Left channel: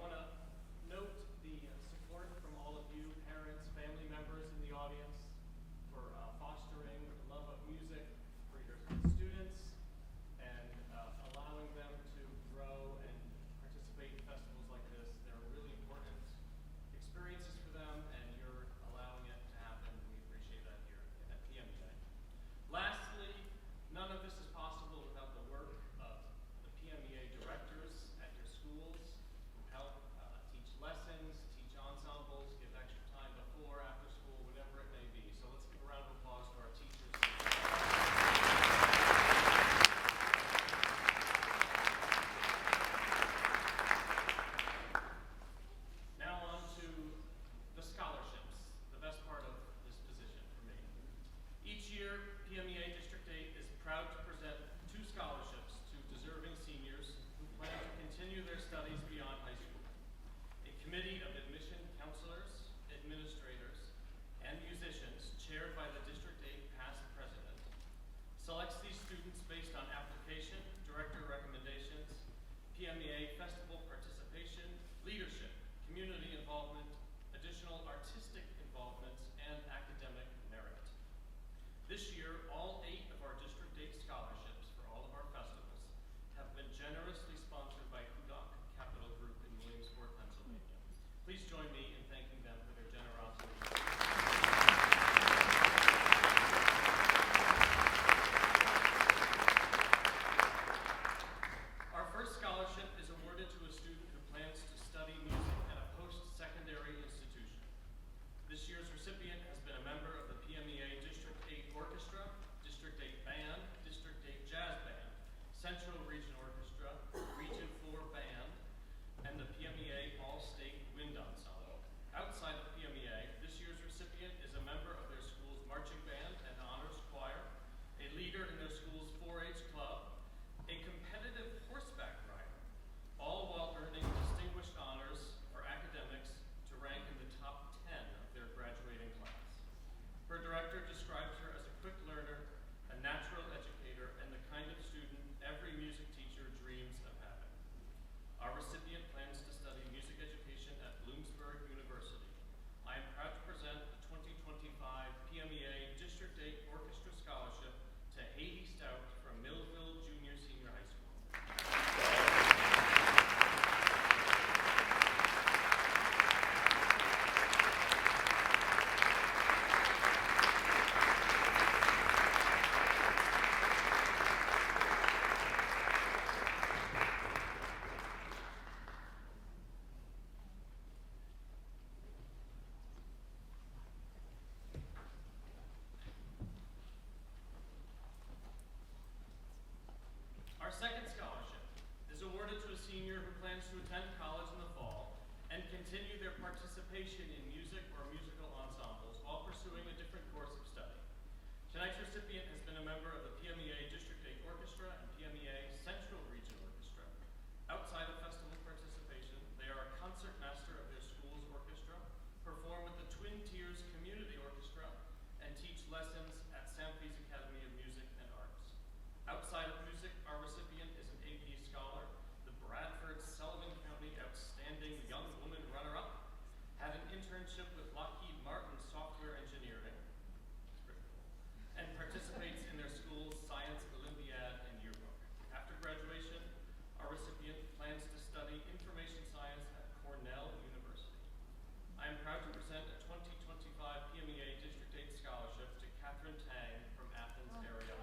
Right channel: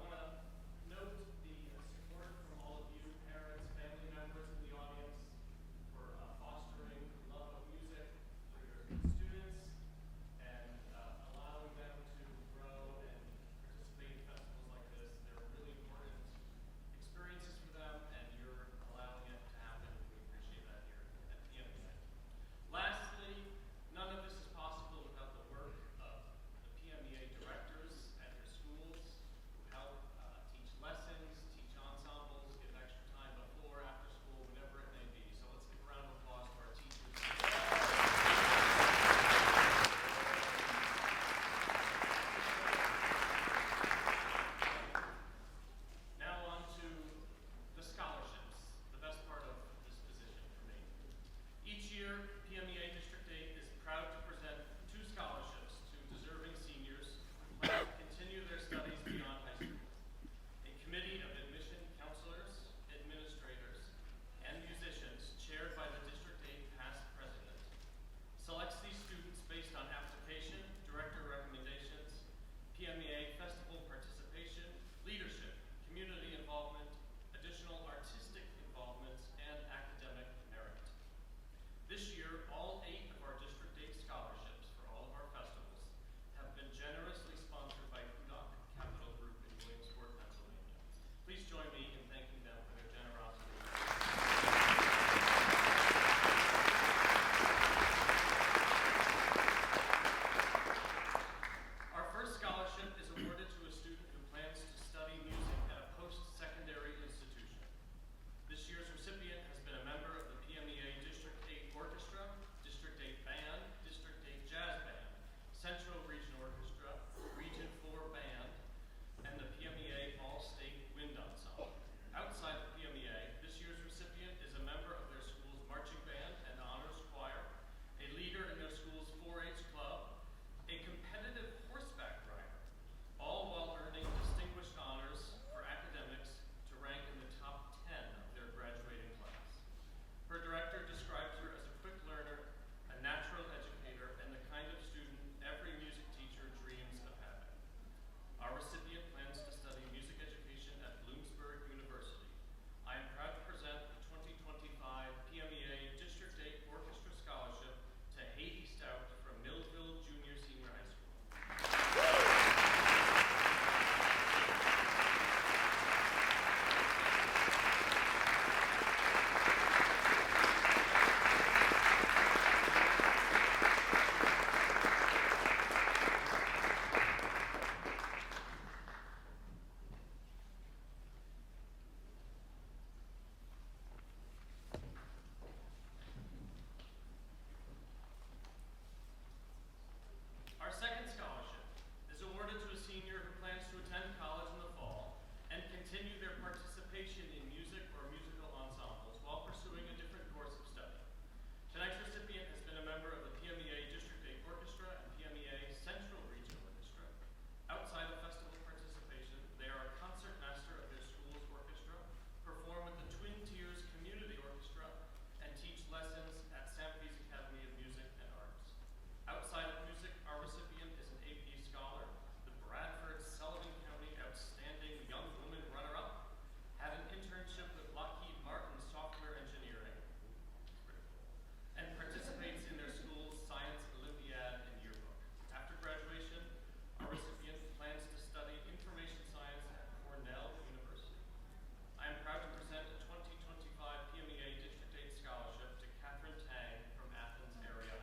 want to note the support from all of you, parents, family members in the audience, for fostering a love of music for your students and allowing them to grow and participate in festivals like this. They're really important experiences for them, and you're allowing it to happen. We appreciate that here at PMEA. Lastly, none of this is possible without the work of the PMEA directors at your schools who help teach lessons, teach ensembles, give extra time before, after school, whatever it may be. So let's give a round of applause to our teachers. Now on to the scholarships, the best part of this position for me. Each year, PMEA District 8 is proud to present 2 scholarships to deserving seniors who plan to continue their studies beyond high school. A committee of admission counselors, administrators, and musicians, chaired by the District 8 past president, selects these students based on application, director recommendations, PMEA festival participation, leadership, community involvement, additional artistic involvements, and academic merit. This year, all 8 of our District 8 scholarships for all of our festivals have been generously sponsored by Conductor Capital Group in Williamsport, Pennsylvania. Please join me in thanking them for their generosity. Our first scholarship is awarded to a student who plans to study music at a post-secondary institution. This year's recipient has been a member of the PMEA District 8 Orchestra, District 8 Band, District 8 Jazz Band, Central Region Orchestra, Region 4 Band, and the PMEA All-State Wind Ensemble. Outside of PMEA, this year's recipient is a member of their school's marching band and honors choir, a leader in their school's 4-H club, a competitive horseback rider, all while earning distinguished honors for academics to rank in the top 10 of their graduating class. Her director describes her as a quick learner, a natural educator, and the kind of student every music teacher dreams of having. Our recipient plans to study music education at Bloomsburg University. I am proud to present the 2025 PMEA District 8 Orchestra Scholarship to Haiti Stout from Millville Junior Senior High School. Our second scholarship is awarded to a senior who plans to attend college in the fall and continue their participation in music or musical ensembles while pursuing a different course of study. Tonight's recipient has been a member of the PMEA District 8 Orchestra and PMEA Central Region Orchestra. Outside of festival participation, they are a concert master of their school's orchestra, perform with the Twin Tiers Community Orchestra, and teach lessons at Samfe's Academy of Music and Arts. Outside of music, our recipient is an AP scholar, the Bradford Sullivan County Outstanding Young Woman Runner-Up, had an internship with Lockheed Martin Software Engineering, it's pretty cool, and participates in their school's Science Olympiad and Yearbook. After graduation, our recipient plans to study information science at Cornell University. I am proud to present a 2025 PMEA District 8 scholarship to Catherine Tang from Athens area.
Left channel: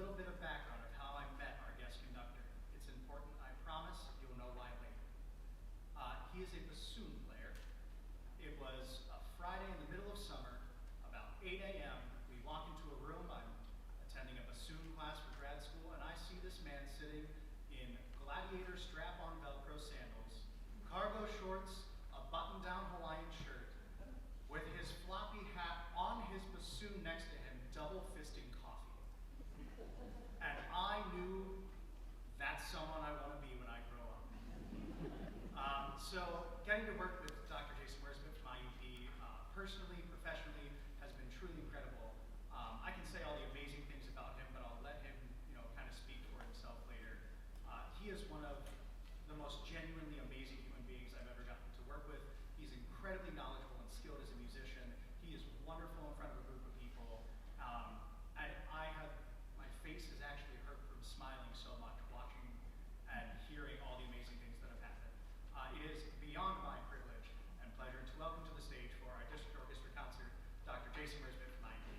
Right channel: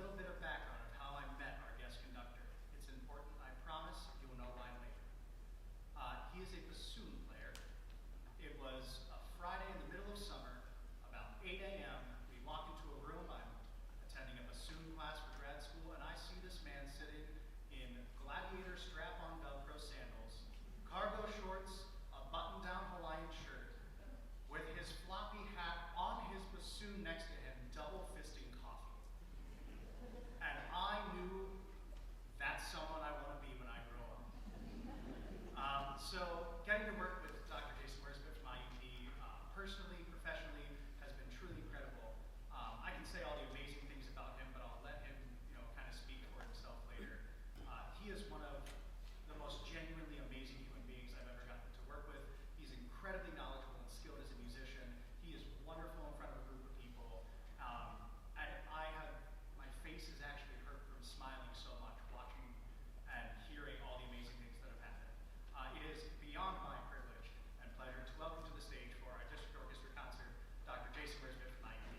little bit of background of how I met our guest conductor. It's important, I promise, you'll know why later. He is a bassoon player. It was a Friday in the middle of summer, about 8 a.m. We walk into a room, I'm attending a bassoon class for grad school, and I see this man sitting in gladiator strap-on Velcro sandals, cargo shorts, a button-down Hawaiian shirt, with his floppy hat on his bassoon next to him, double fisting coffee. And I knew that's someone I want to be when I grow up. So getting to work with Dr. Jason Worzbyt from IUP, personally, professionally, has been truly incredible. I can say all the amazing things about him, but I'll let him, kind of speak for himself later. He is one of the most genuinely amazing human beings I've ever gotten to work with. He's incredibly knowledgeable and skilled as a musician. He is wonderful in front of a group of people. And my face has actually hurt from smiling so much, watching and hearing all the amazing things that have happened. It is beyond my privilege and pleasure to welcome to the stage for our district orchestra concert, Dr. Jason Worzbyt from IUP.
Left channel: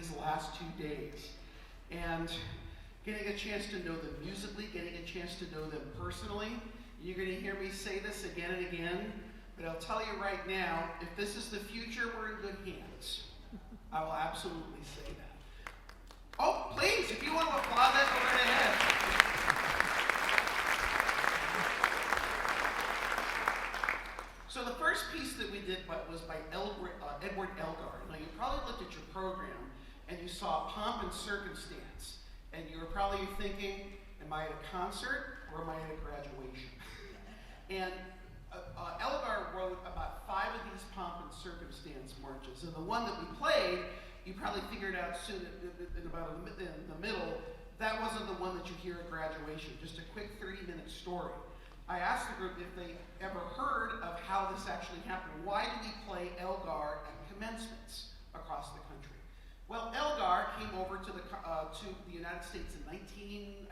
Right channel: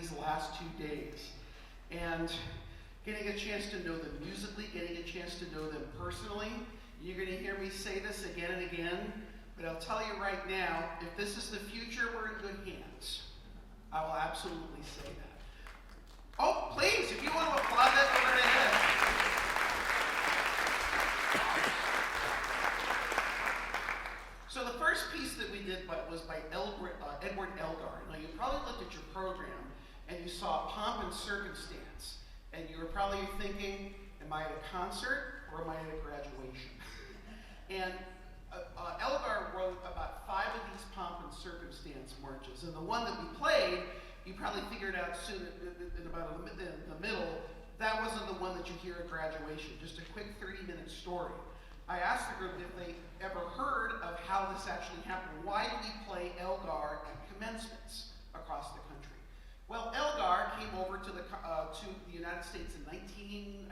these last 2 days. And getting a chance to know them musically, getting a chance to know them personally. You're going to hear me say this again and again, but I'll tell you right now, if this is the future, we're in good hands. I will absolutely say that. Oh, please, if you want to applaud that, go right ahead. So the first piece that we did was by Edward Elgar. Now you probably looked at your program and you saw Pomp and Circumstance, and you were probably thinking, am I at a concert or am I at a graduation? And Elgar wrote about 5 of these Pomp and Circumstance marches, and the one that we played, you probably figured out soon in the middle, that wasn't the one that you hear at graduation, just a quick 30-minute story. I asked the group if they ever heard of how this actually happened. Why do we play Elgar at commencements across the country? Well, Elgar came over to the United States in 1906,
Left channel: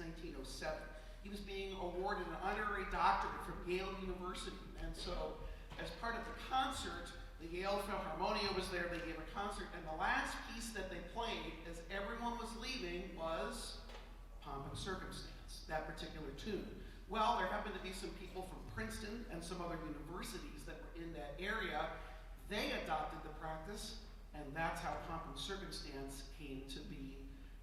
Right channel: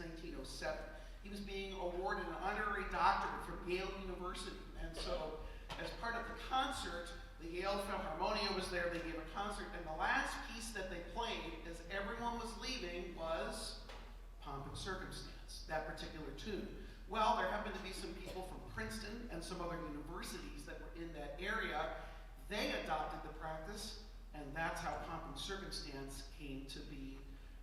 1907. He was being awarded an honorary doctorate from Yale University. And so, as part of the concert, the Yale Philharmonia was there, they gave a concert, and the last piece that they played as everyone was leaving was Pomp and Circumstance, that particular tune. Well, there happened to be some people from Princeton and some other universities that were in that area. They adopted the practice, and that's how Pomp and Circumstance came to be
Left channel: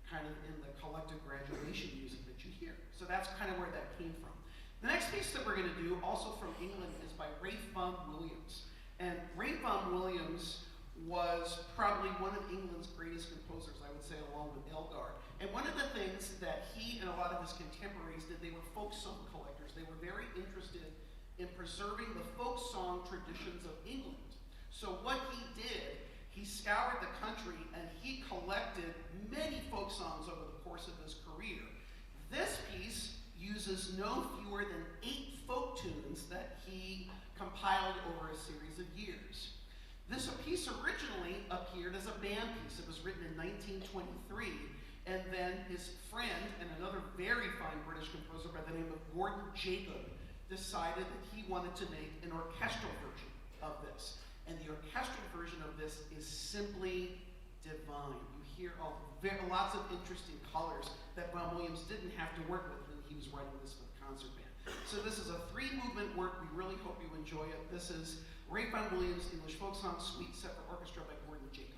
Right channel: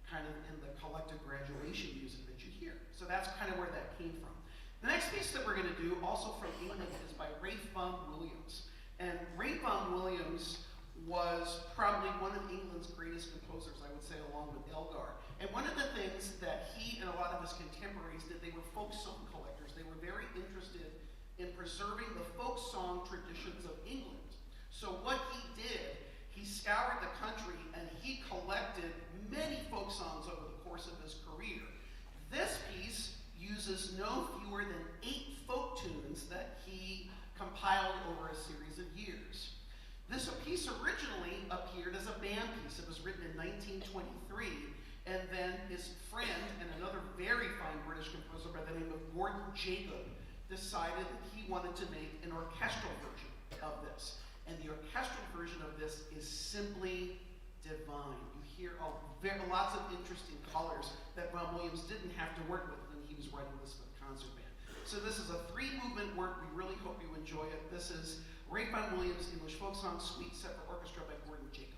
kind of in the collective graduation music that you hear. So that's kind of where that came from. The next piece that we're going to do, also from England, is by Ralph Vaughan Williams. And Ralph Vaughan Williams was probably one of England's greatest composers, I would say, along with Elgar. And one of the things that he and a lot of his contemporaries did, they were folk song collectors. They were very interested in preserving the folk song traditions of England. So what he did, he scoured the country and he collected many folk songs over the course of his career. This piece uses no fewer than 8 folk tunes that he compiled over a series of years. This piece originally appeared as a band piece. It was written in 1923, and then his friend and another very fine British composer by the name of Gordon Jacob decided that he wanted to make an orchestral version of this. And the orchestral version of this is simply divine. You hear lots of interesting colors that Vaughan Williams didn't have to work with when he was writing this for the concert band. So this is a 3-movement work. We really hope you enjoy it. This is Ralph Vaughan Williams' English Folk Song Suite, set for orchestra by Gordon Jacob.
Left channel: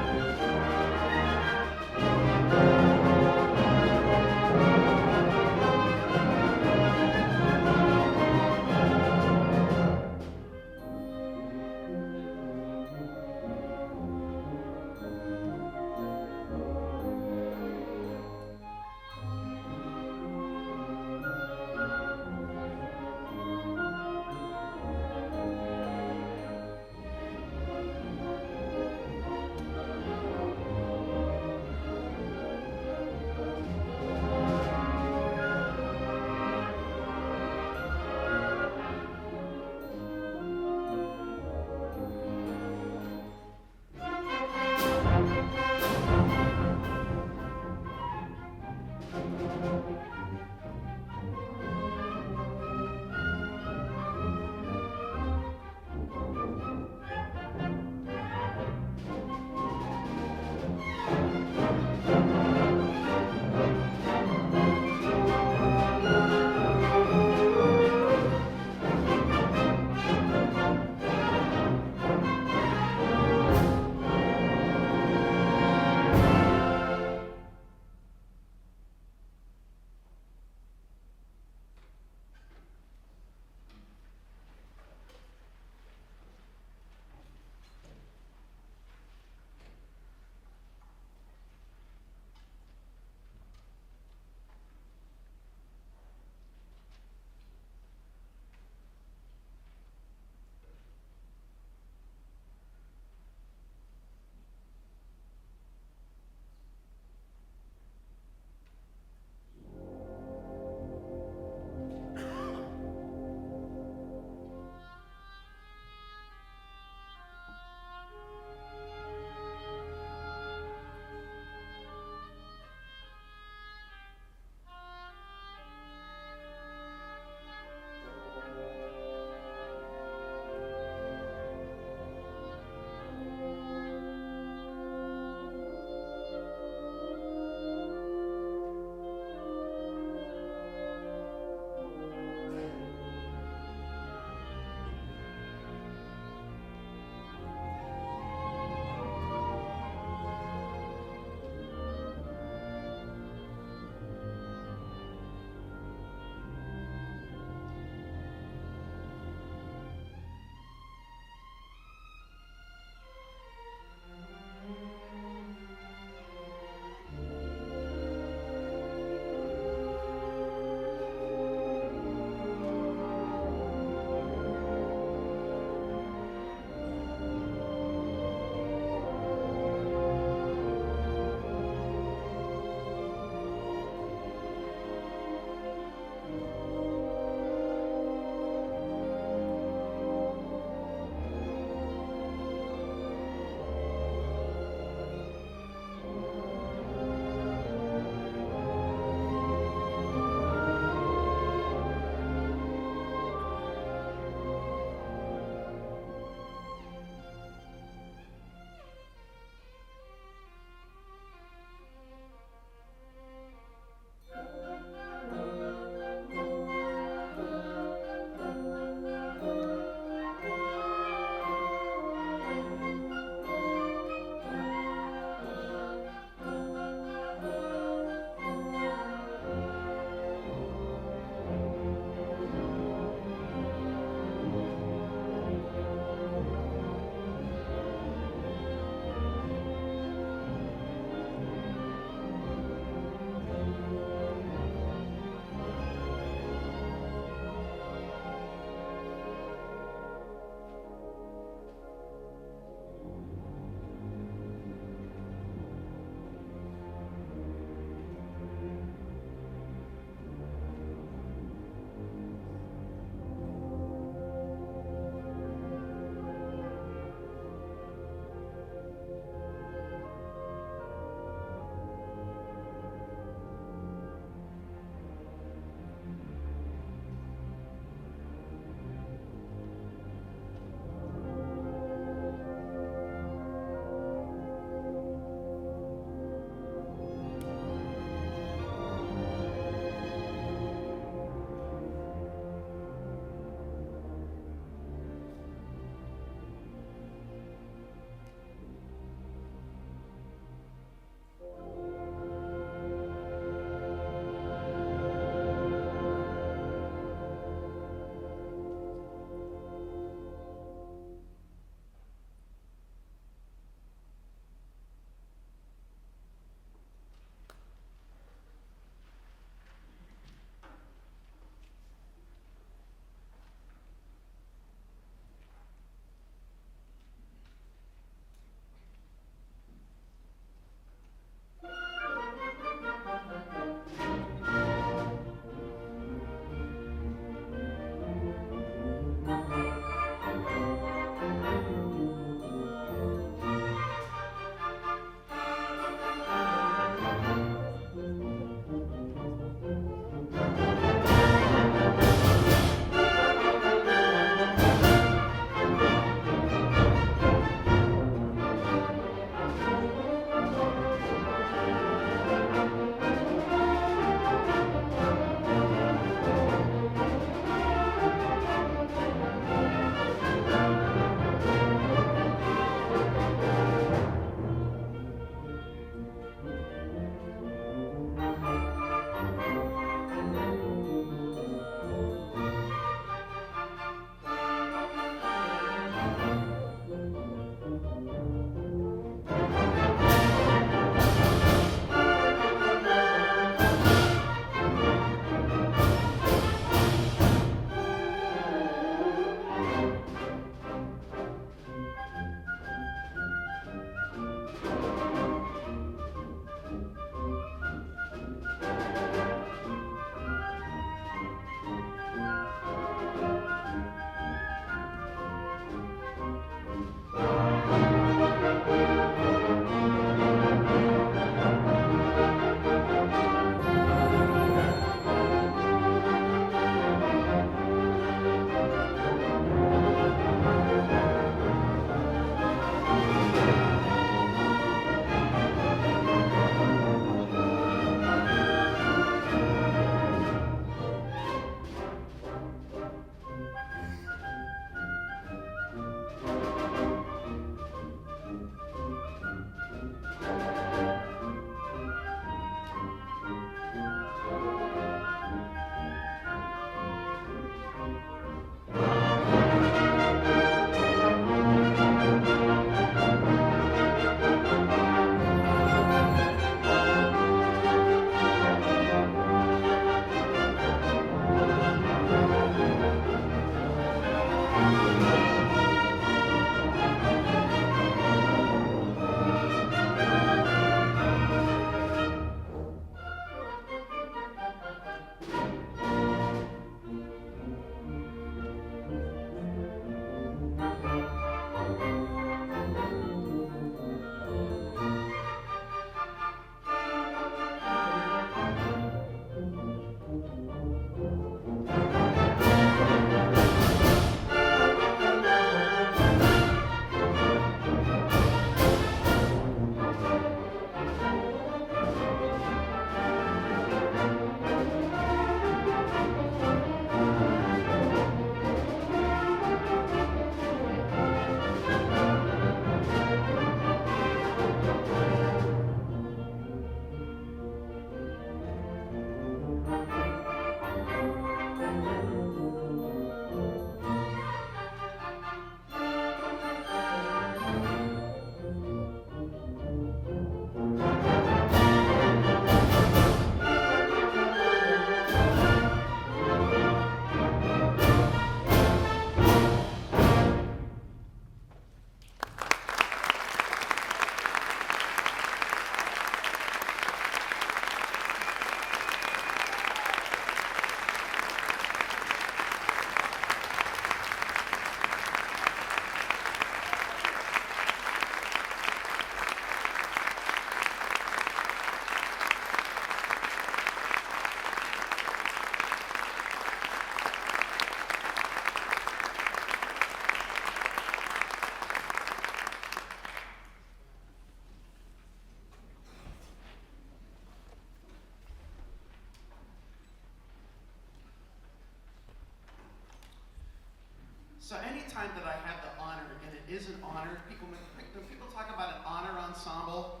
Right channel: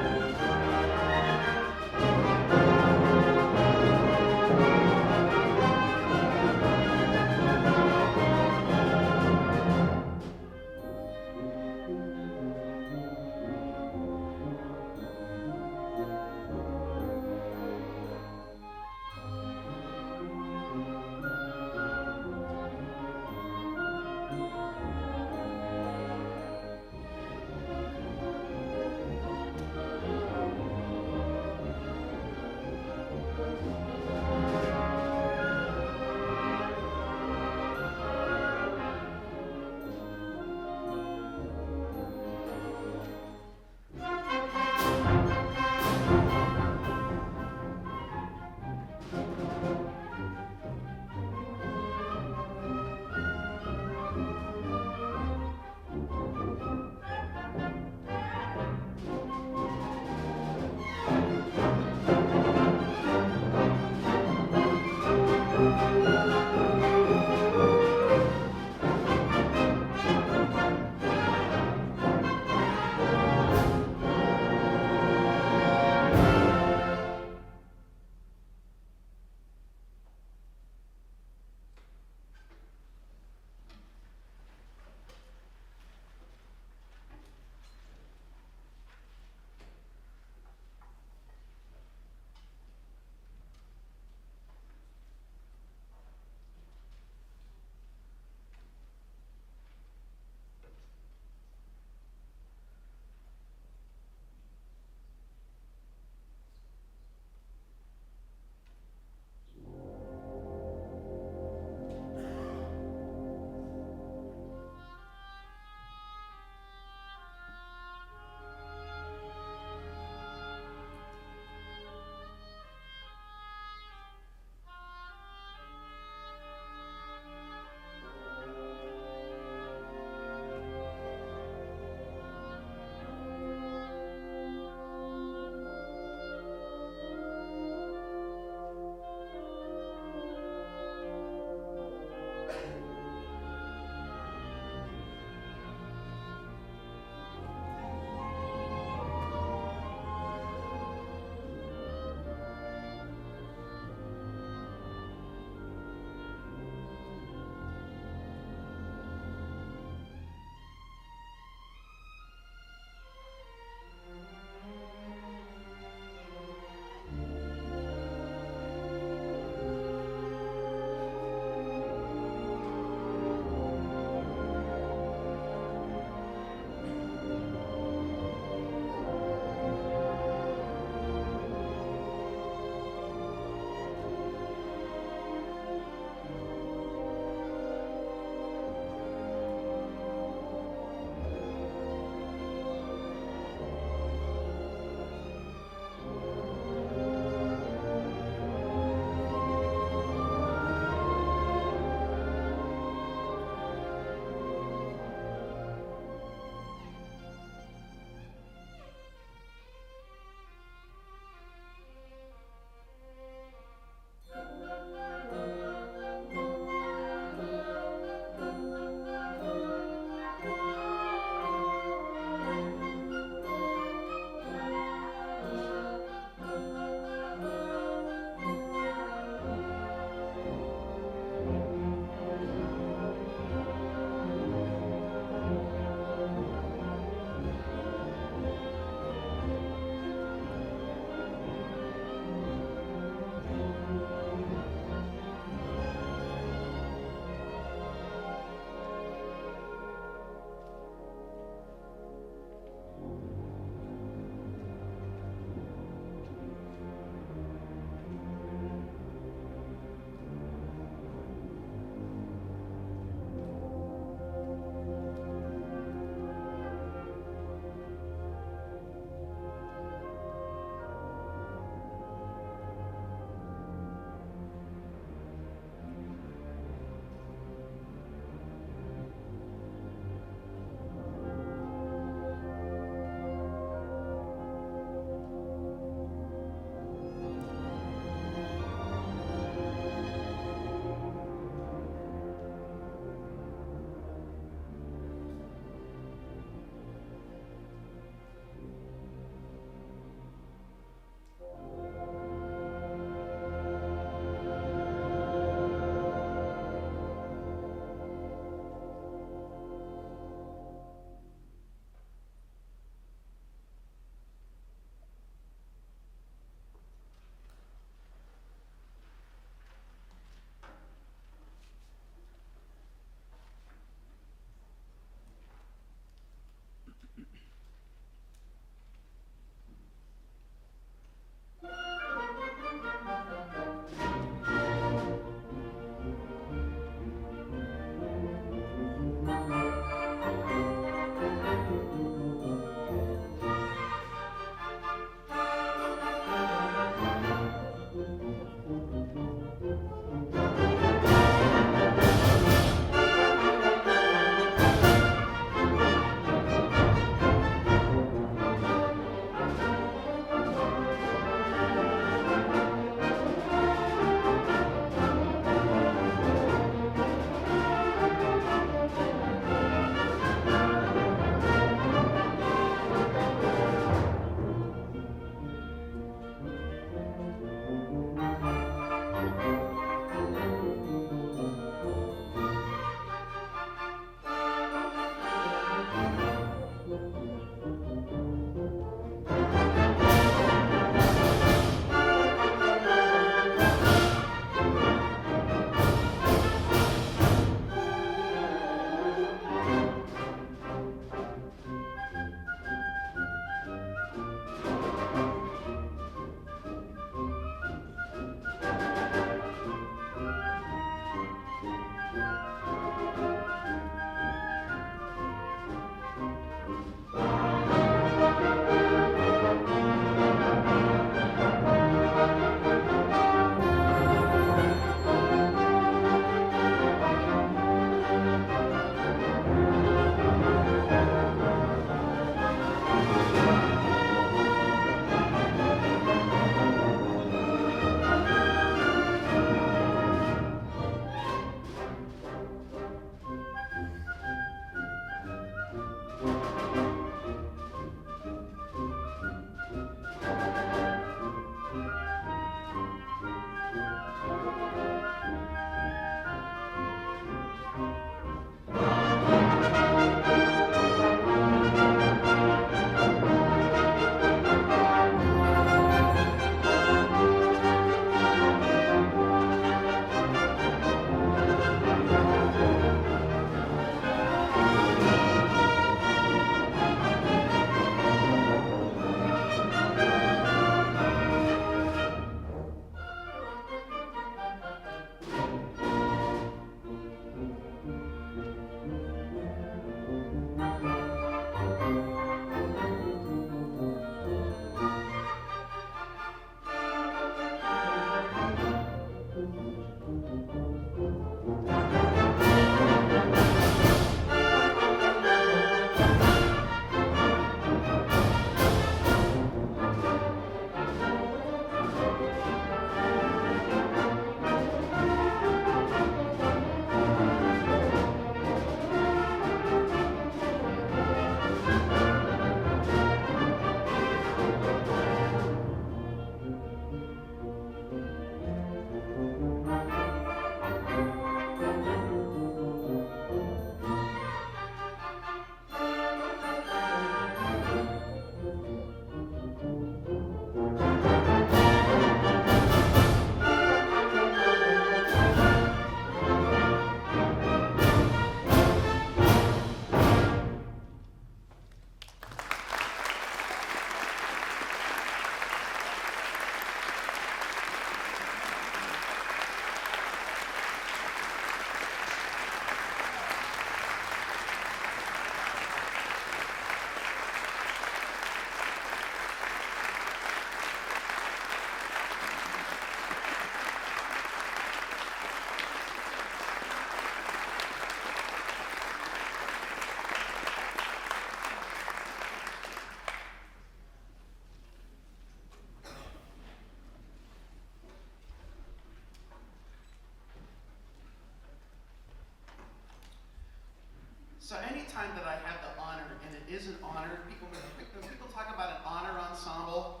So anytime that I have the honor, and it is an honor, when people talk about an honor ensemble,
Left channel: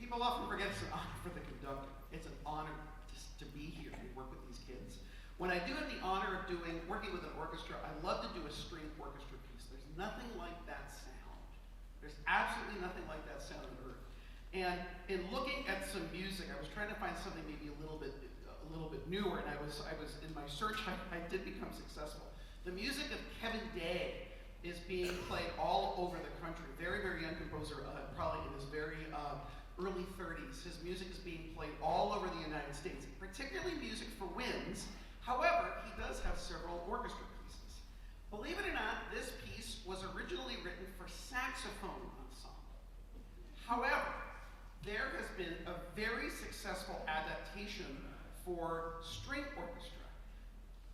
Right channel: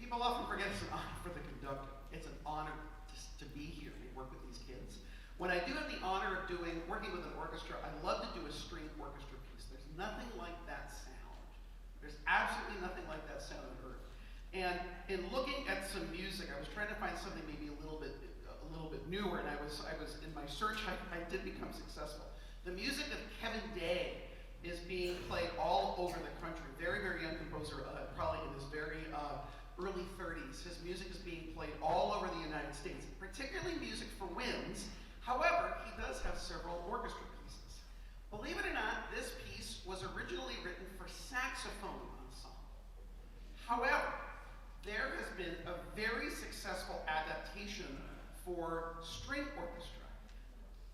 people often forget it's an honor for the conductor. It's an honor to be here and work with these kids. When I do have the honor of working with an orchestra, I love to do a string orchestra piece. There's nothing like that sound. There's absolutely nothing like that sound on earth. And in looking at some music, I was trying to find something maybe a little bit newer, and I was in my search, I did become successful. The music of Kevin Day is being played all over the country. Very, very young composer, probably in his very early 30s. His music is being played all over the United States, particularly music for winds. However, he does have several orchestra pieces. Believe it or not, this piece was originally written for saxophone ensemble. However, there has been a very successful adaptation for string orchestra.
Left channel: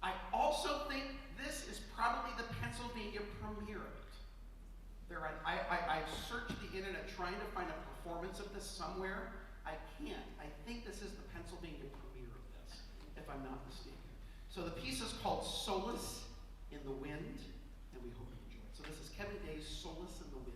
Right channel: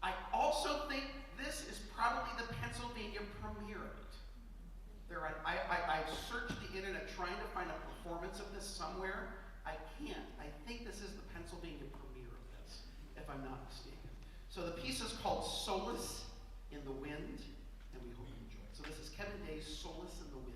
I also think this is probably the Pennsylvania premiere of it. I've searched the internet trying to find a performance of this somewhere. I can't. I think this is the Pennsylvania premiere of this, if I'm not mistaken. So the piece is called Solace in the Wind, and we hope you enjoy it. So this is Kevin Day's Solace in the Wind.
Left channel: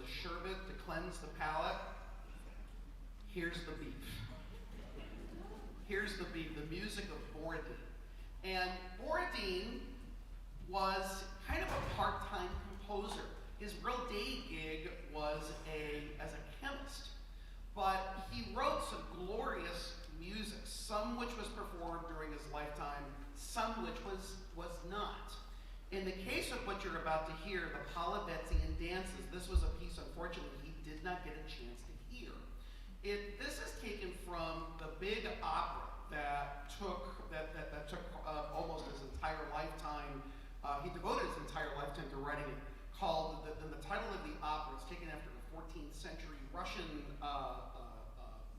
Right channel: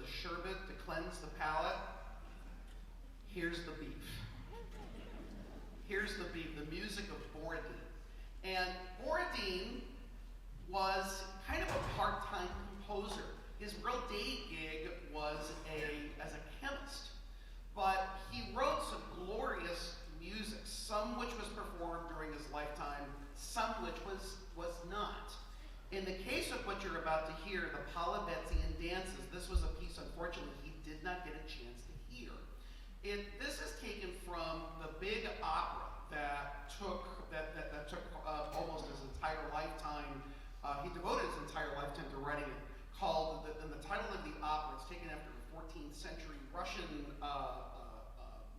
the sherbet to cleanse the palate. Here's the beef. Here's the beef, the music of Borodin. And Borodin was kind of a part-time composer. His real day gig was as a chemist. But he wrote some glorious music, some which was performed during his lifetime, some which was not. In the case of what you're about to hear, the Polivetzian dances, this was a piece, unfortunately, he did not get a chance to hear. This is taken from the big opera that took almost his entire lifetime. He devoted his entire lifetime to writing it. Called the title of the opera. It's taken after a 14th century Russian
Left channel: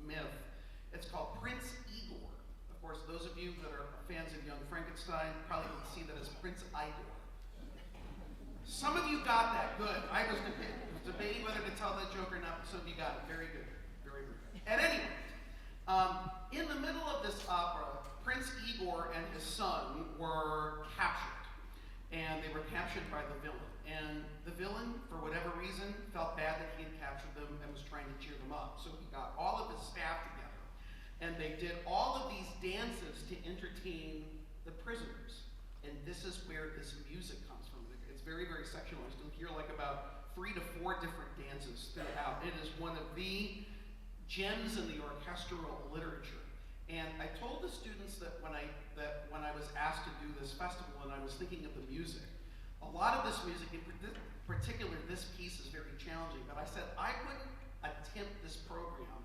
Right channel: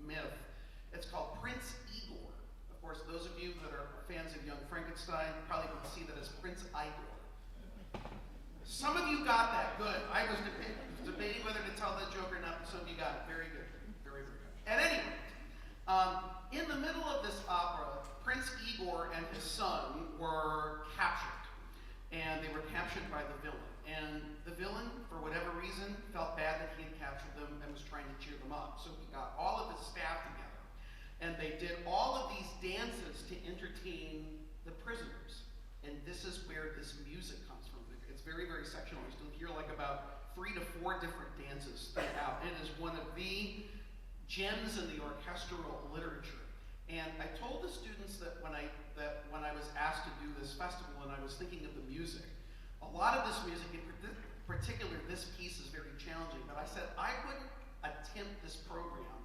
myth. It's called Prince Igor. Of course, those of you that are fans of Young Frankenstein probably would see that as Prince Igor. Some of you got that. Good. I was debating whether to tell that joke or not, but some of you got it. Very good. Very, very good. At any rate, in the middle of this opera, Prince Igor and his son were captured. And they were captured by the villain. And the villain, for whatever reason, felt bad that he had captured them and was trying to cheer them up. So he got all of his staff together. And they did all of these dances to entertain the prisoners. And this is where this music comes from. It's very, very sectional. You still hear like about 3 to 4 different dances throughout. It is one of the gems in the orchestral literature. And I told the students that when I was asked to do this festival and I was thinking of the music, a lot of this music, in particular this piece, is very challenging. But I said I wouldn't attempt this program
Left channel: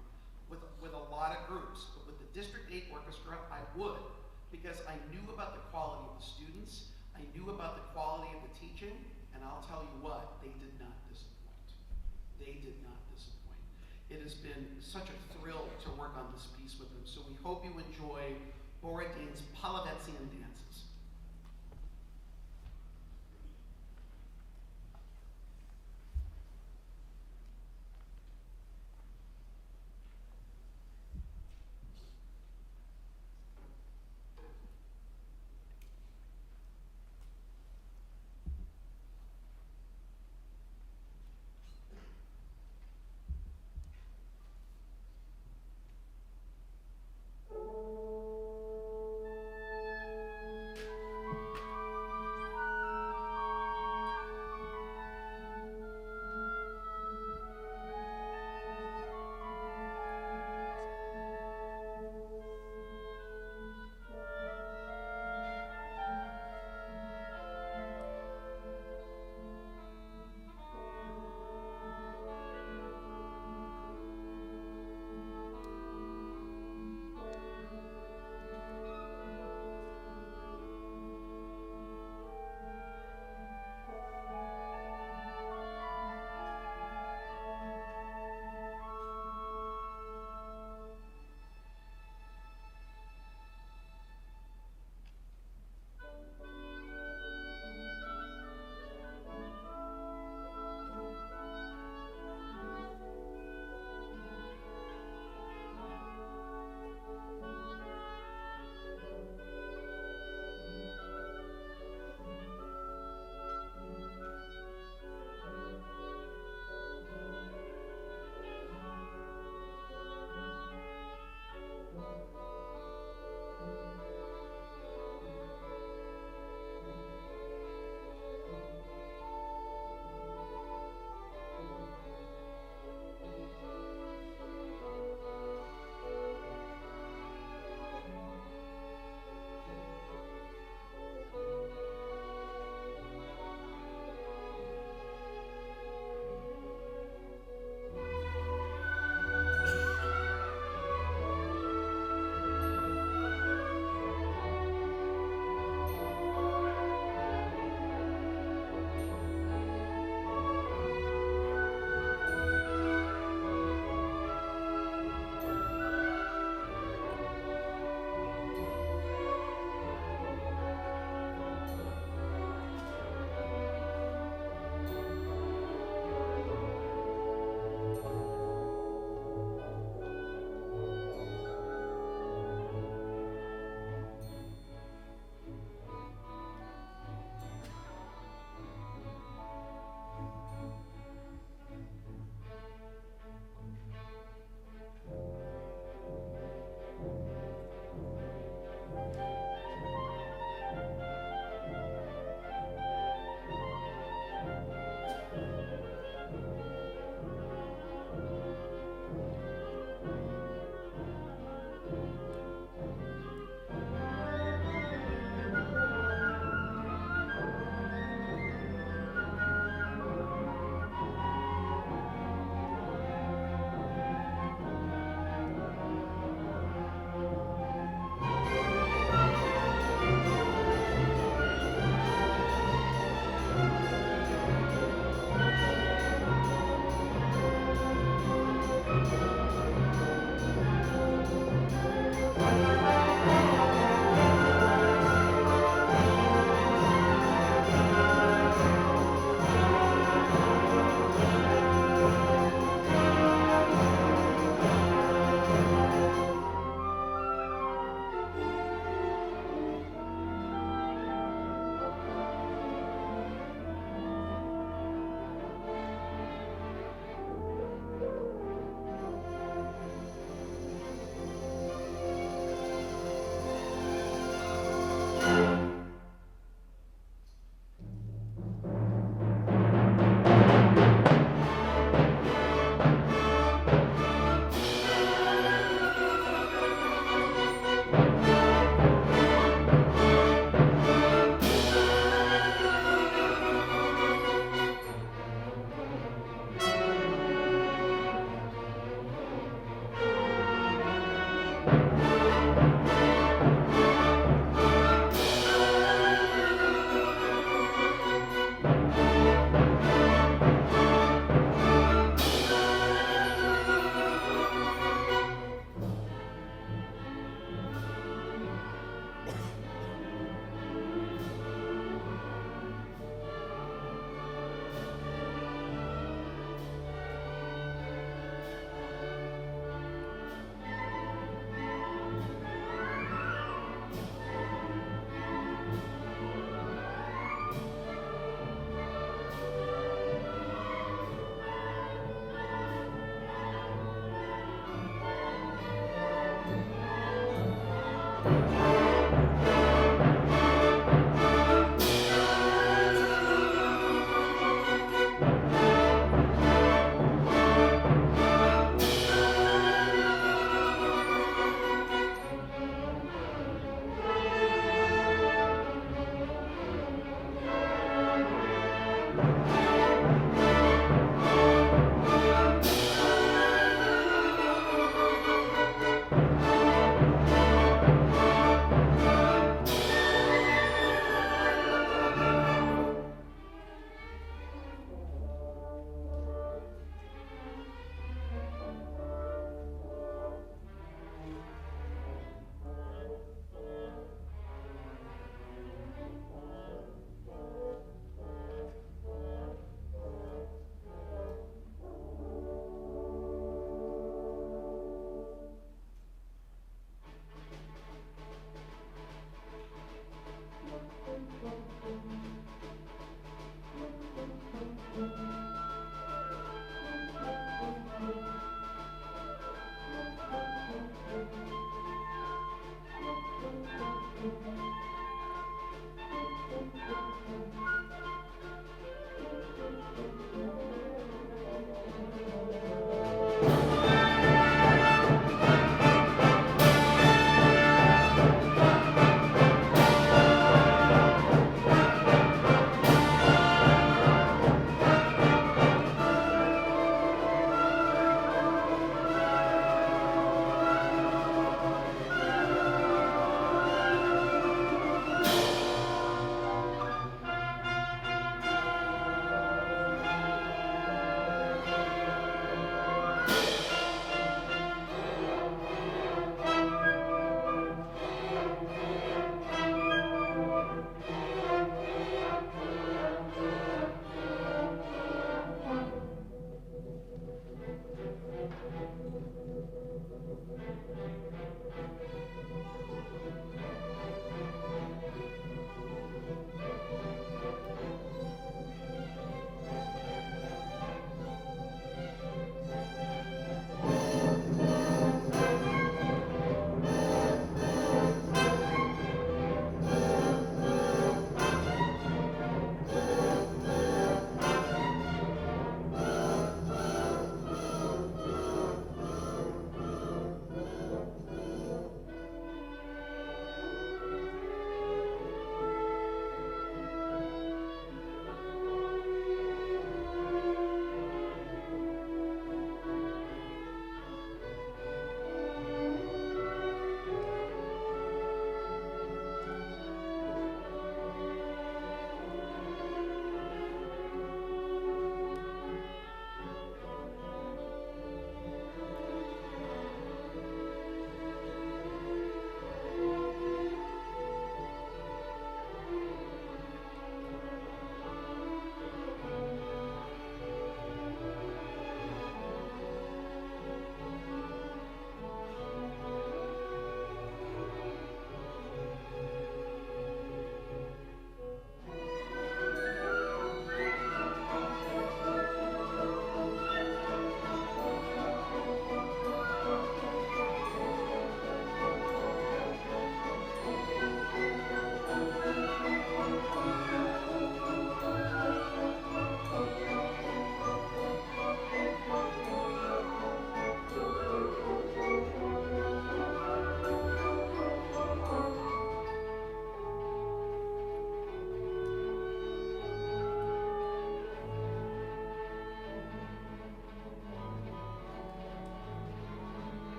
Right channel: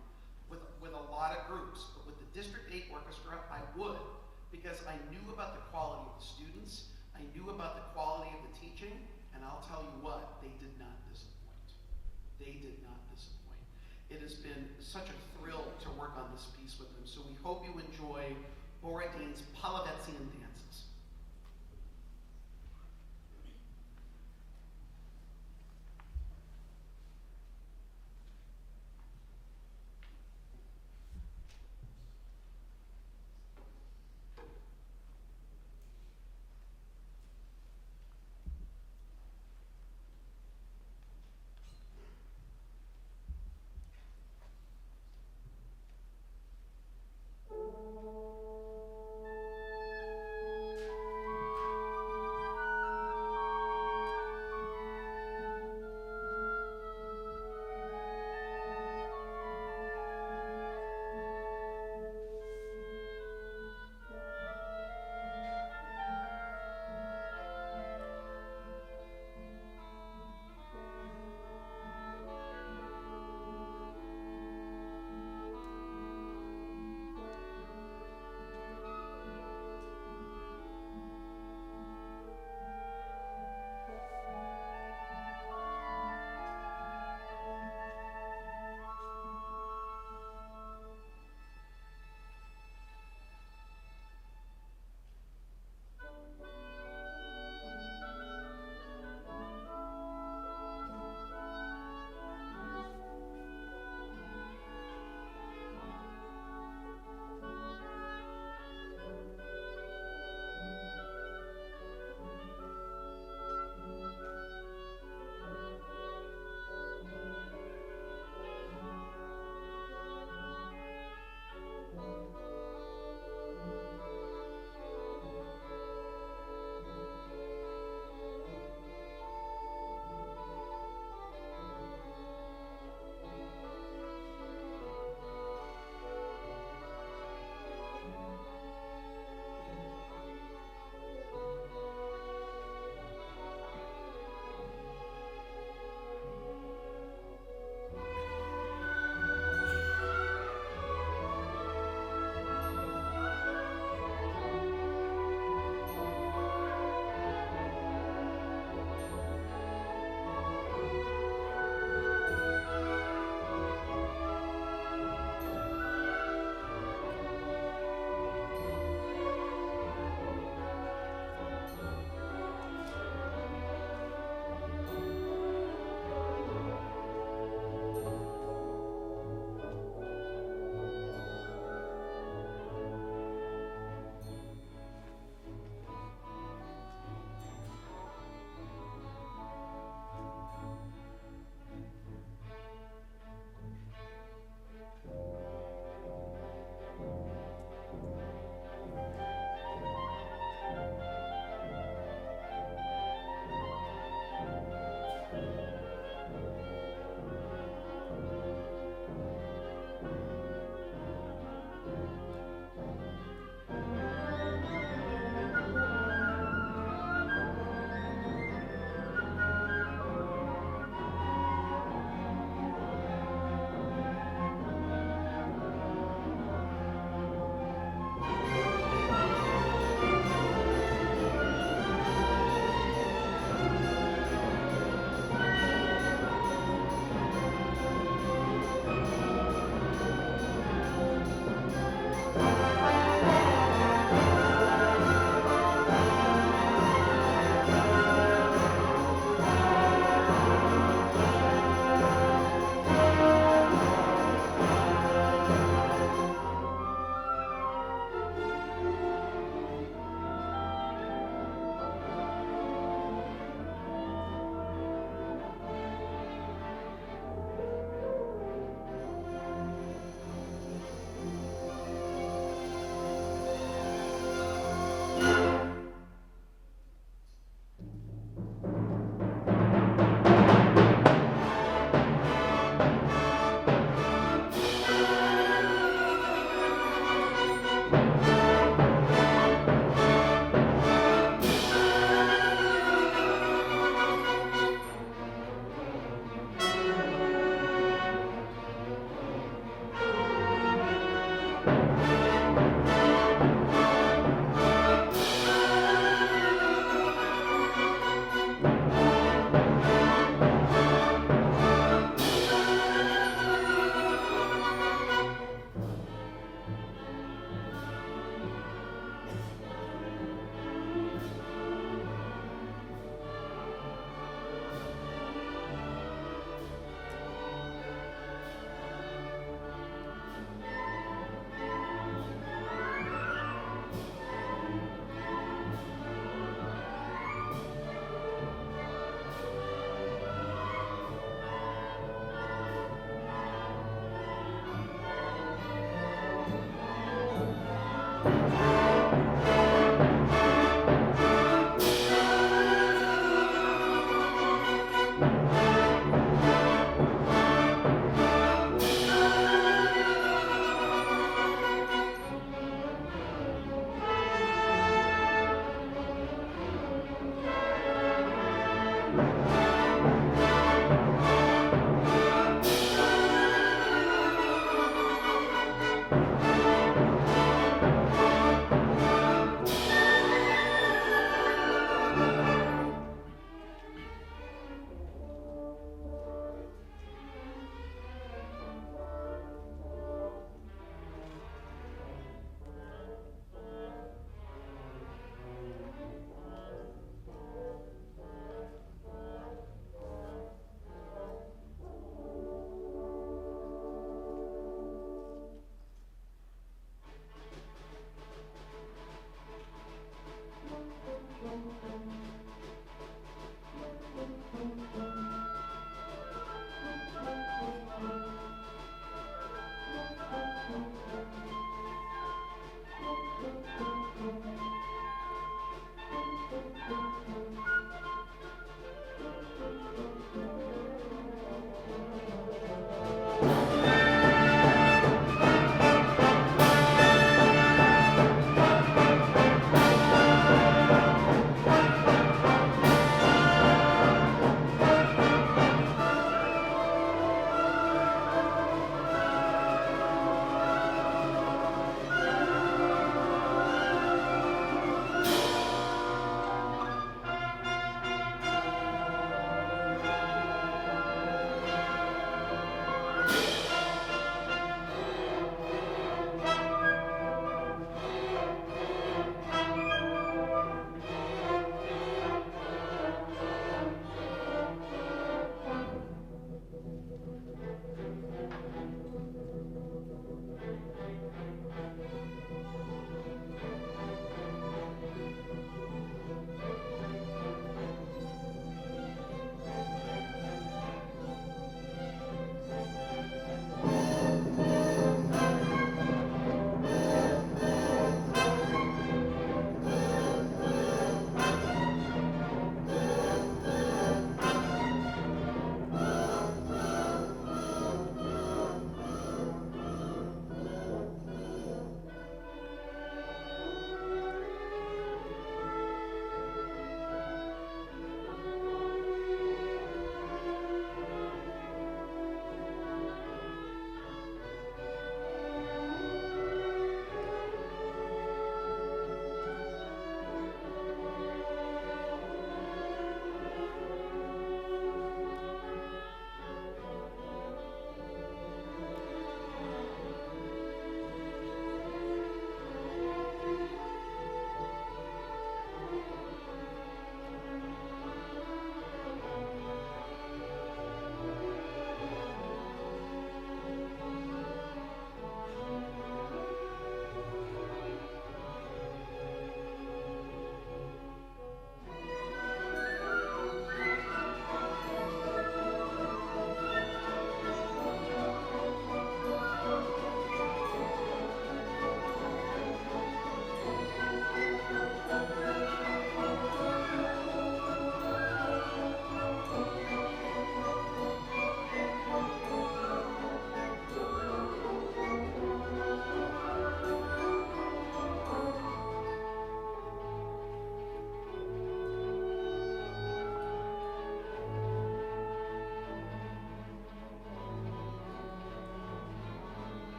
with a lot of groups, but with the District 8 Orchestra, I would, because I knew about the quality of the students, I knew about the quality of the teaching, and I'll tell you what, they did not disappoint. They did not disappoint. It has been such a thrill to work on this piece with them, so we hope you enjoy Borodin's Polivetzian dances.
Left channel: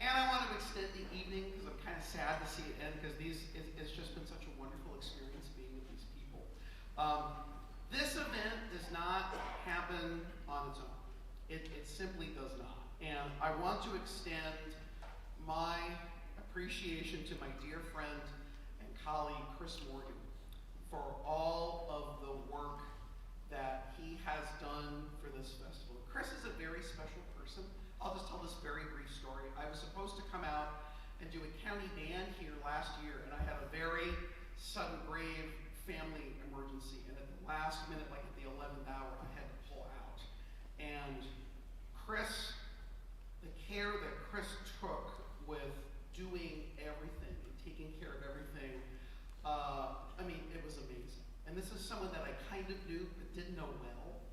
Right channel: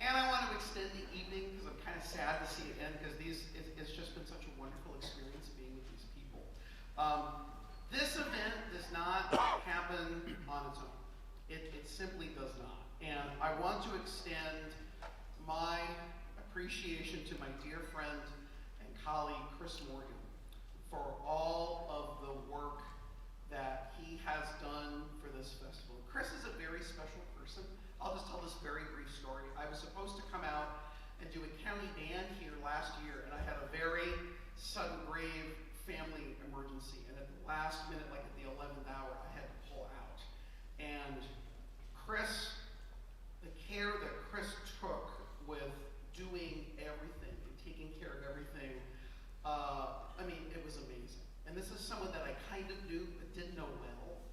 And I want to extend the evening because I'm kind of sad to see it end because it's just been such a wonderful experience being with these people. This event does not happen on its own. It simply does not. And I want to extend my appreciation to my dear friend and colleague, Chris Morgan, for all of the work that he has done for this festival. Chris is a very special person. I'll just tell this very brief story. I was supposed to come out and do a county band here last year, and I had a very sudden, grave family emergency, and at the last minute, like at the 11th hour, I had to pull out. And Chris, the care that Chris took with doing everything and taking care of everything, I mean, it was amazing. And this is someone that I kind of knew but didn't know well.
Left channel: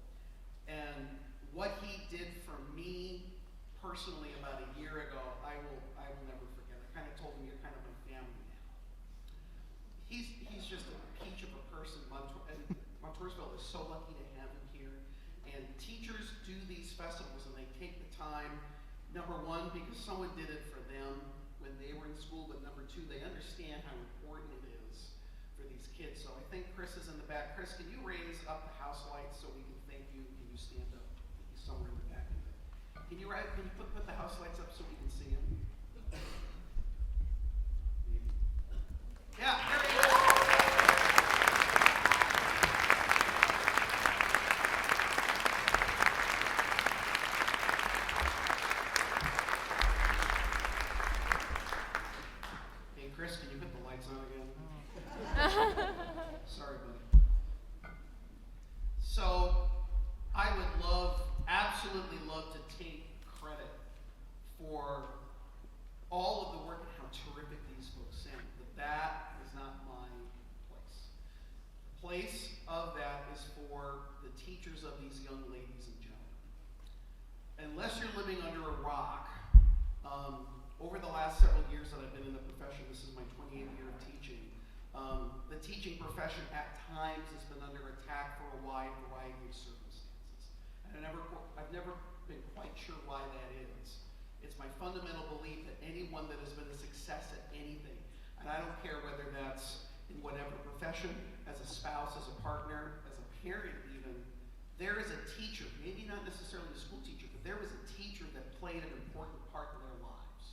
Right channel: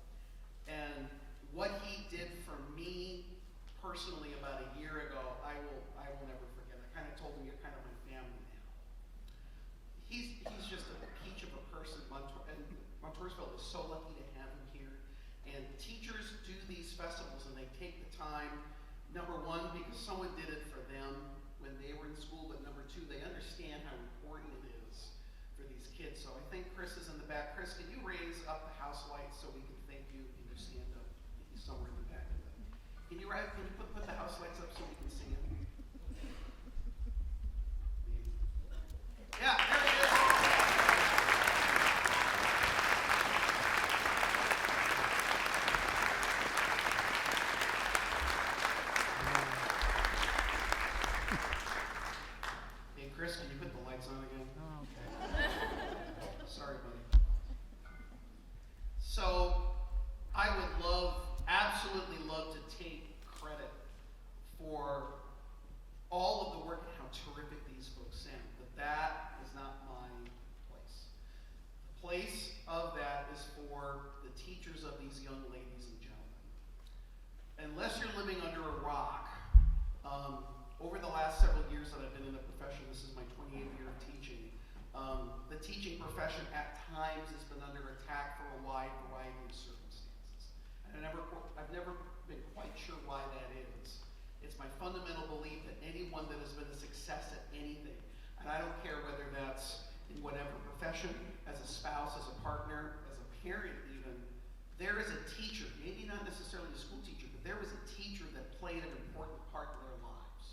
And what he did for me personally about a year ago, I will never forget. I kind of told him, you're kind of my family now. He's just a peach of a person. Montoursville is so lucky to have him here. And teachers do these festivals and they take the time, number one, because someone did it for them when they were in school, but number two, they understand how important it is for these kids. So I think Chris is in the back. Chris, can you raise up the house lights so we can thank you? Can you stand up? He's somewhere in the back of it. Can you put the house lights up so we can see him? Maybe. Yeah, there he is. Hey, Chris, can you put the lights on again? Sorry, buddy. So, I would absolutely love to take credit for all of the work and how terrific these folks sing, but that is not my place. The place of that is for the teachers of these young ladies and gentlemen. Unless you're living under a rock, over the last several years that I've been in the profession, this is my 28th year of teaching, the teaching profession at times has been under attack for a wide variety of circumstances. And I've never been quite sure why that is. It's my fundamental belief that anyone that has been a success at anything, and I don't care whether that's in whatever profession, as a spouse, as a partner, as a parent even, there is a teacher, maybe not necessarily a school teacher, but there was a teacher that played an important part in their lives.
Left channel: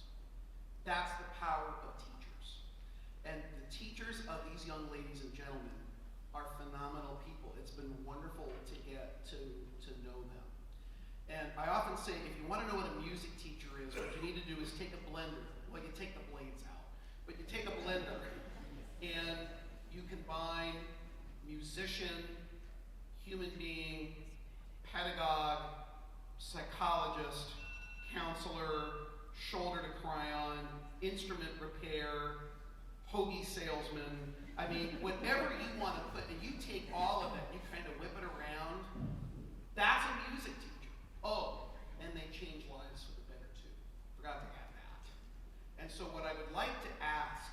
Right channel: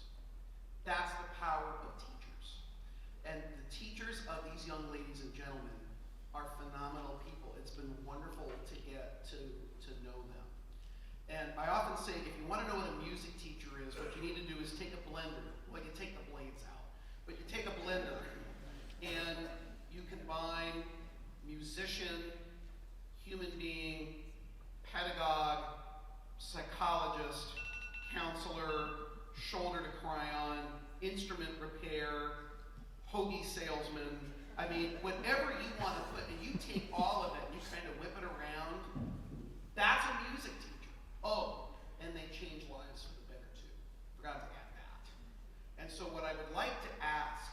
That's the power of teachers. And the teachers of these young ladies and gentlemen are phenomenal people. It's been wonderful to get to know them. And I often say, if you want to know what a music teacher is, what you need to do is take a blender. Well, you take the blades out. But you take a blender and you combine musician, human being, pedagogue, psychologist, counselor, shoulder to cry on, instrument repair, hoagie salesman. I mean, whatever you want to put, and you take all of it, and you kind of whip it around, that's a music teacher. Oh, and they change lives for the better too. Forgot to add that. And so what I would like to ask,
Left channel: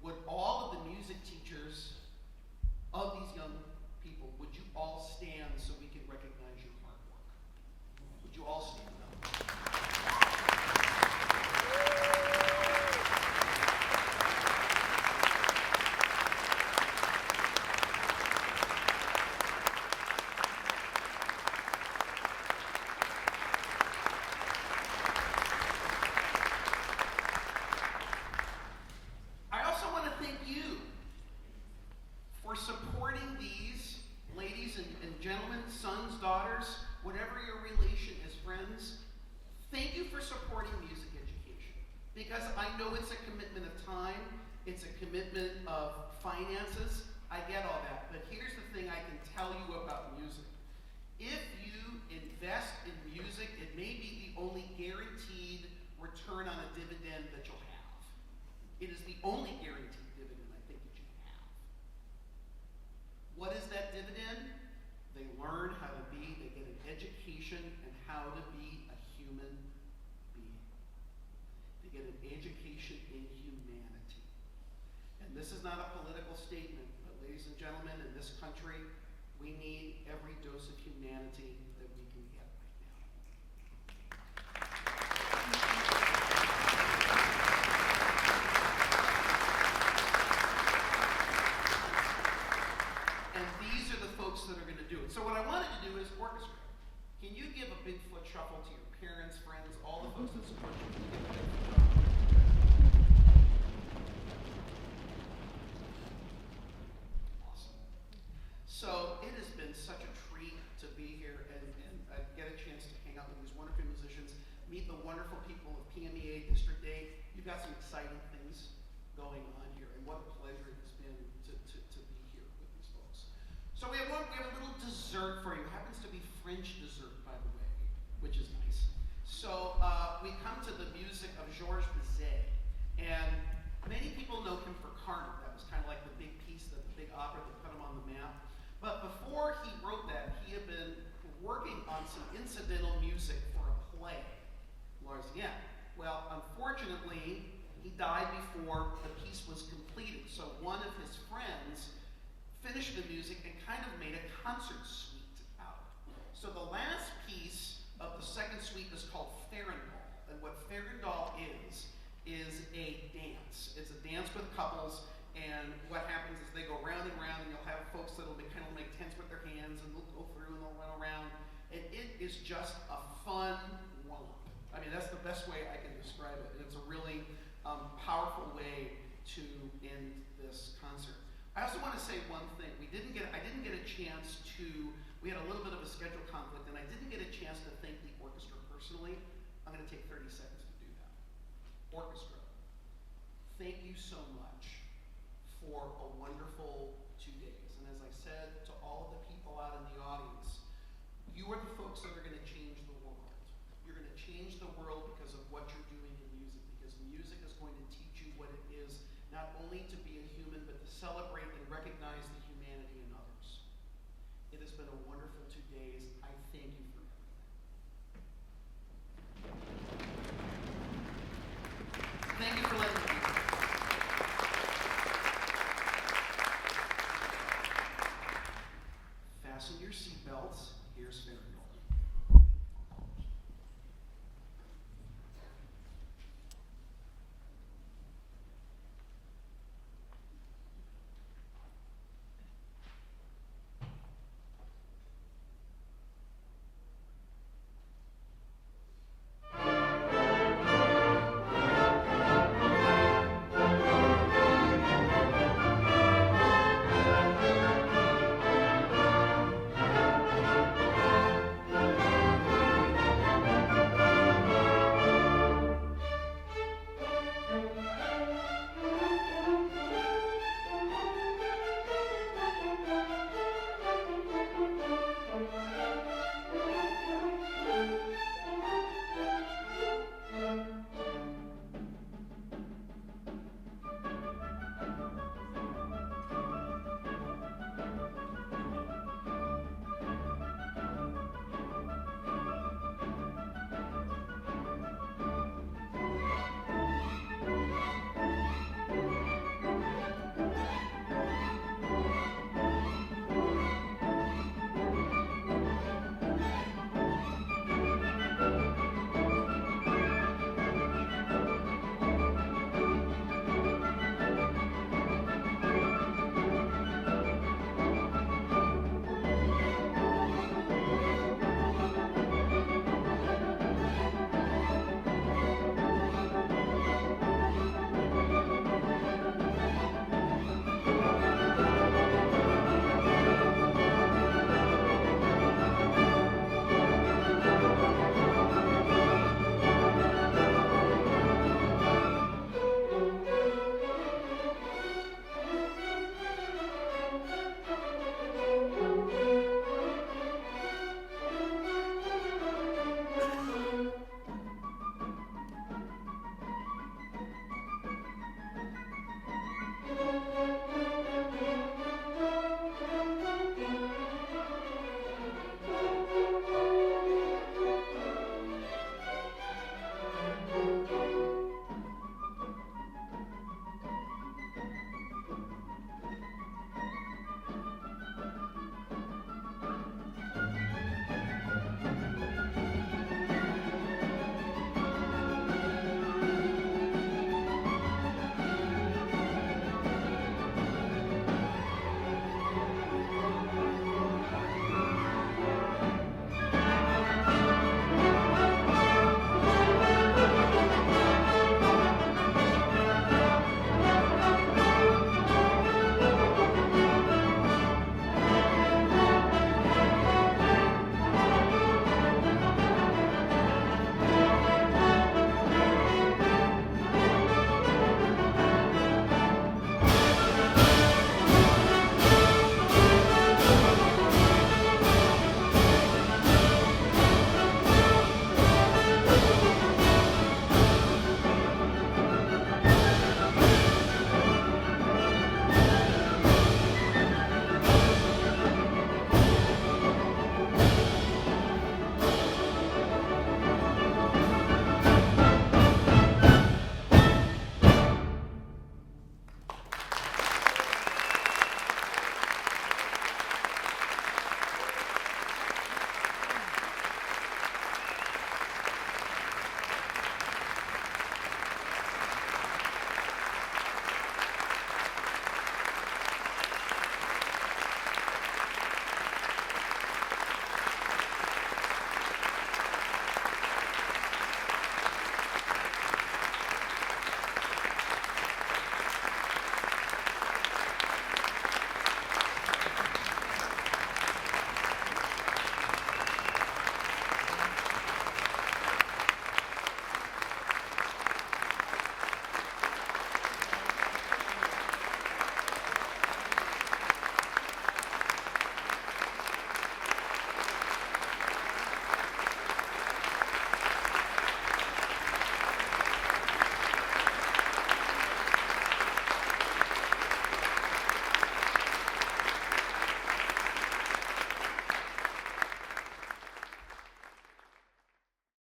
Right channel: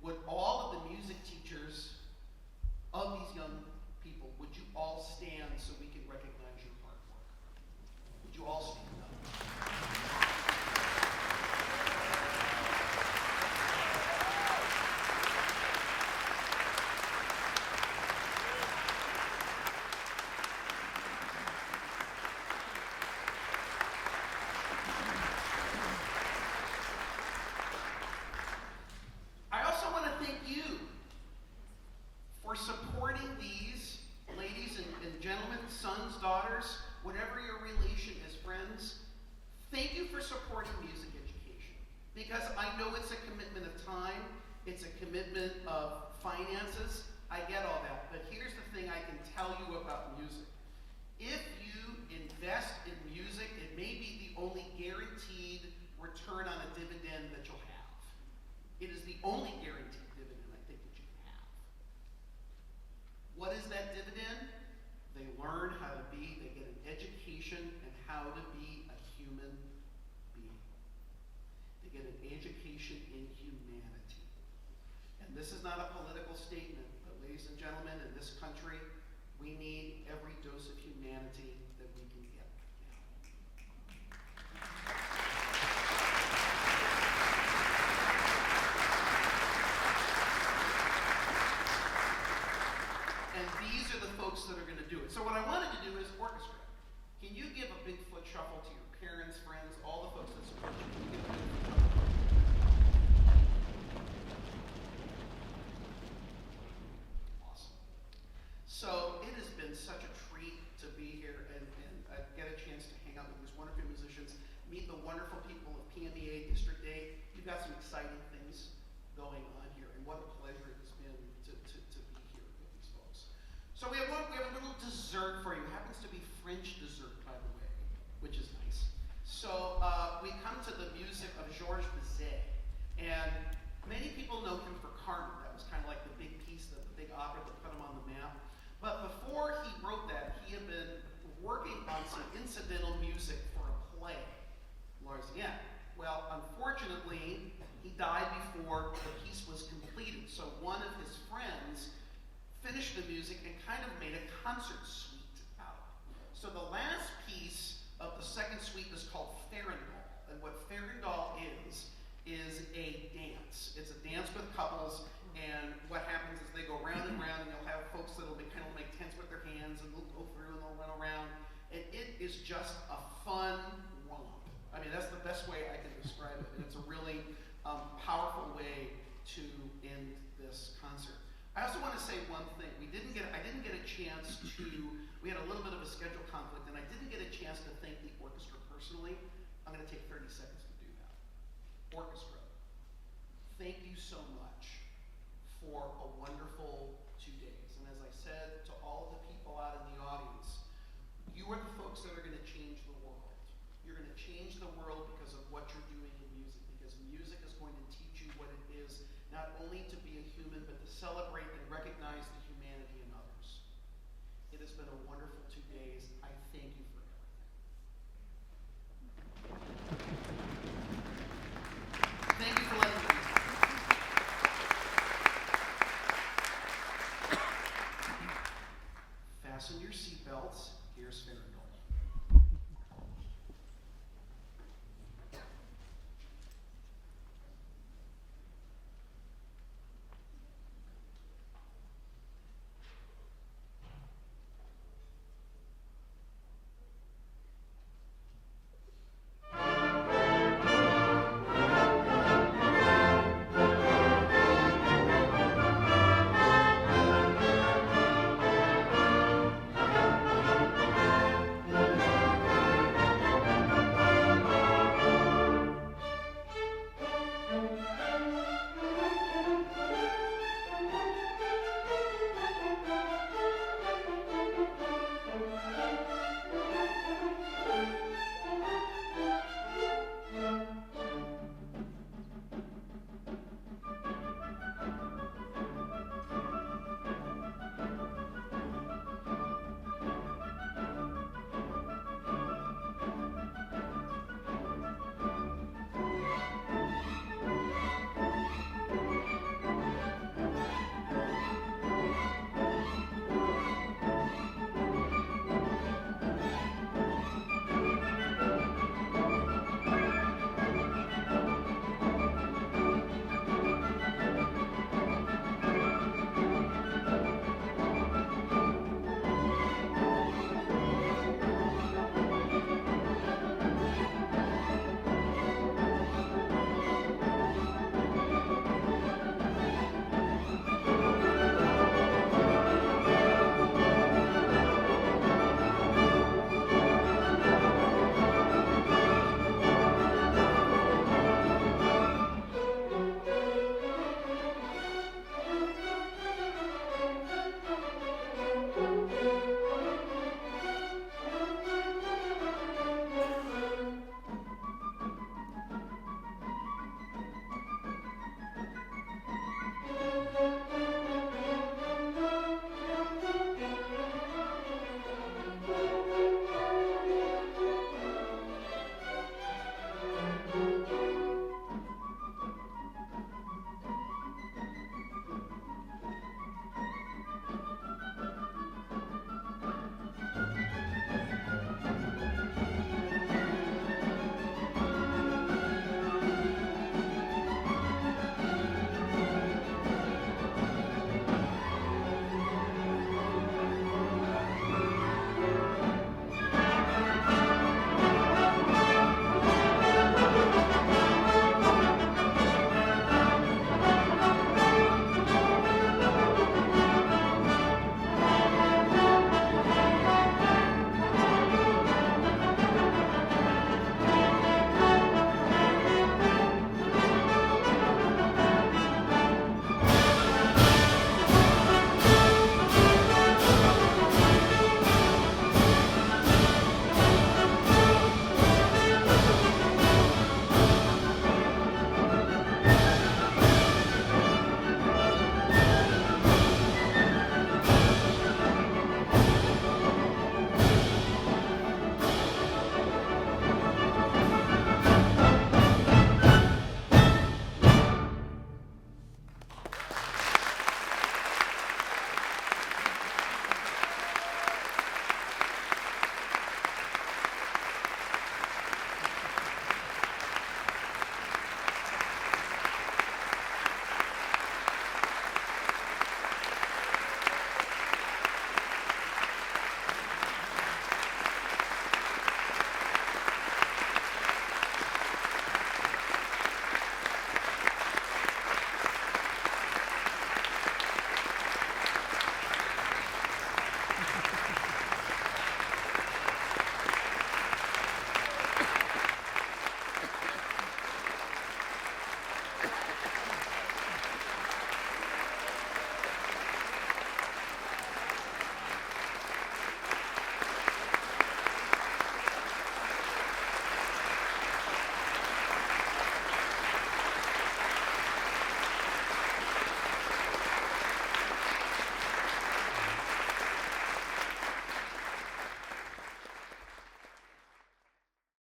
would all of the music teachers of these young people, would you all stand so we can recognize your hard work? Would you all stand up? I also want to thank you for supporting these ladies and gentlemen, sons, daughters, whatever your relation is, friends. Thank you for supporting music education, because I know it's a commitment of time, it's a commitment of finances. I get all that, but here's the thing I can tell you about music. If you invest in music, it may be the only guaranteed return on a dividend that you'll have. It is the only guaranteed dividend I think that you can have. What is that dividend? They learn how to be, they get an education in how to be a human being. They get an education in humanity. And this is not a political statement, but ladies and gentlemen, in this country, we need every dose of humanity that we can get right now. shuffle to your parents, friends, all the folks that support you. Can you give a big shuffle? Awesome. So it has been such a treat to be here and get a chance to hang out with these wonderful musicians, meet the wonderful people of PMEA District 8. You've got some exciting things going on here, and what a pleasure it has been to be here with these folks. So we have a little dessert for you. It happens to be French dessert, by the way, which is nice. So we come to the music of Worzbyt, and many people know him for Carmen. That was kind of like the big piece, the big opera that put him on the map. But before he wrote that, he had been working on some incidental music for a play, Larsienne. Well, unfortunately, he died before the piece was completed. So one of his friends finished the music and kind of made a concert suite out. So the last piece of the second suite is called Farandole. And what Farandole is a dance. It's a dance with couples, and what happens is they go round and round, and you'll have folks that'll be kind of make tents with their hands, and they'll go through and they'll run around. And it is just a fun romp. I mean, that's the best way I can describe it. And it's a really powerful way to end this concert. I also want to say one thing. I didn't get a chance to, we had a little bit of a schedule conflict, and I didn't get a chance to thank the orchestra personally. I'm going to take 30 seconds to do that. Orchestra, thank you so much for a wonderful 2 days. And as I said to all of the people out in the audience, you are the folks that are going to change the world. You're going to change the world because of what you're doing in music, because music is going to teach you what it is, not only to be a human, but to celebrate and recognize the humanity in others. It has been a wonderful 2 days. I thank you for everything.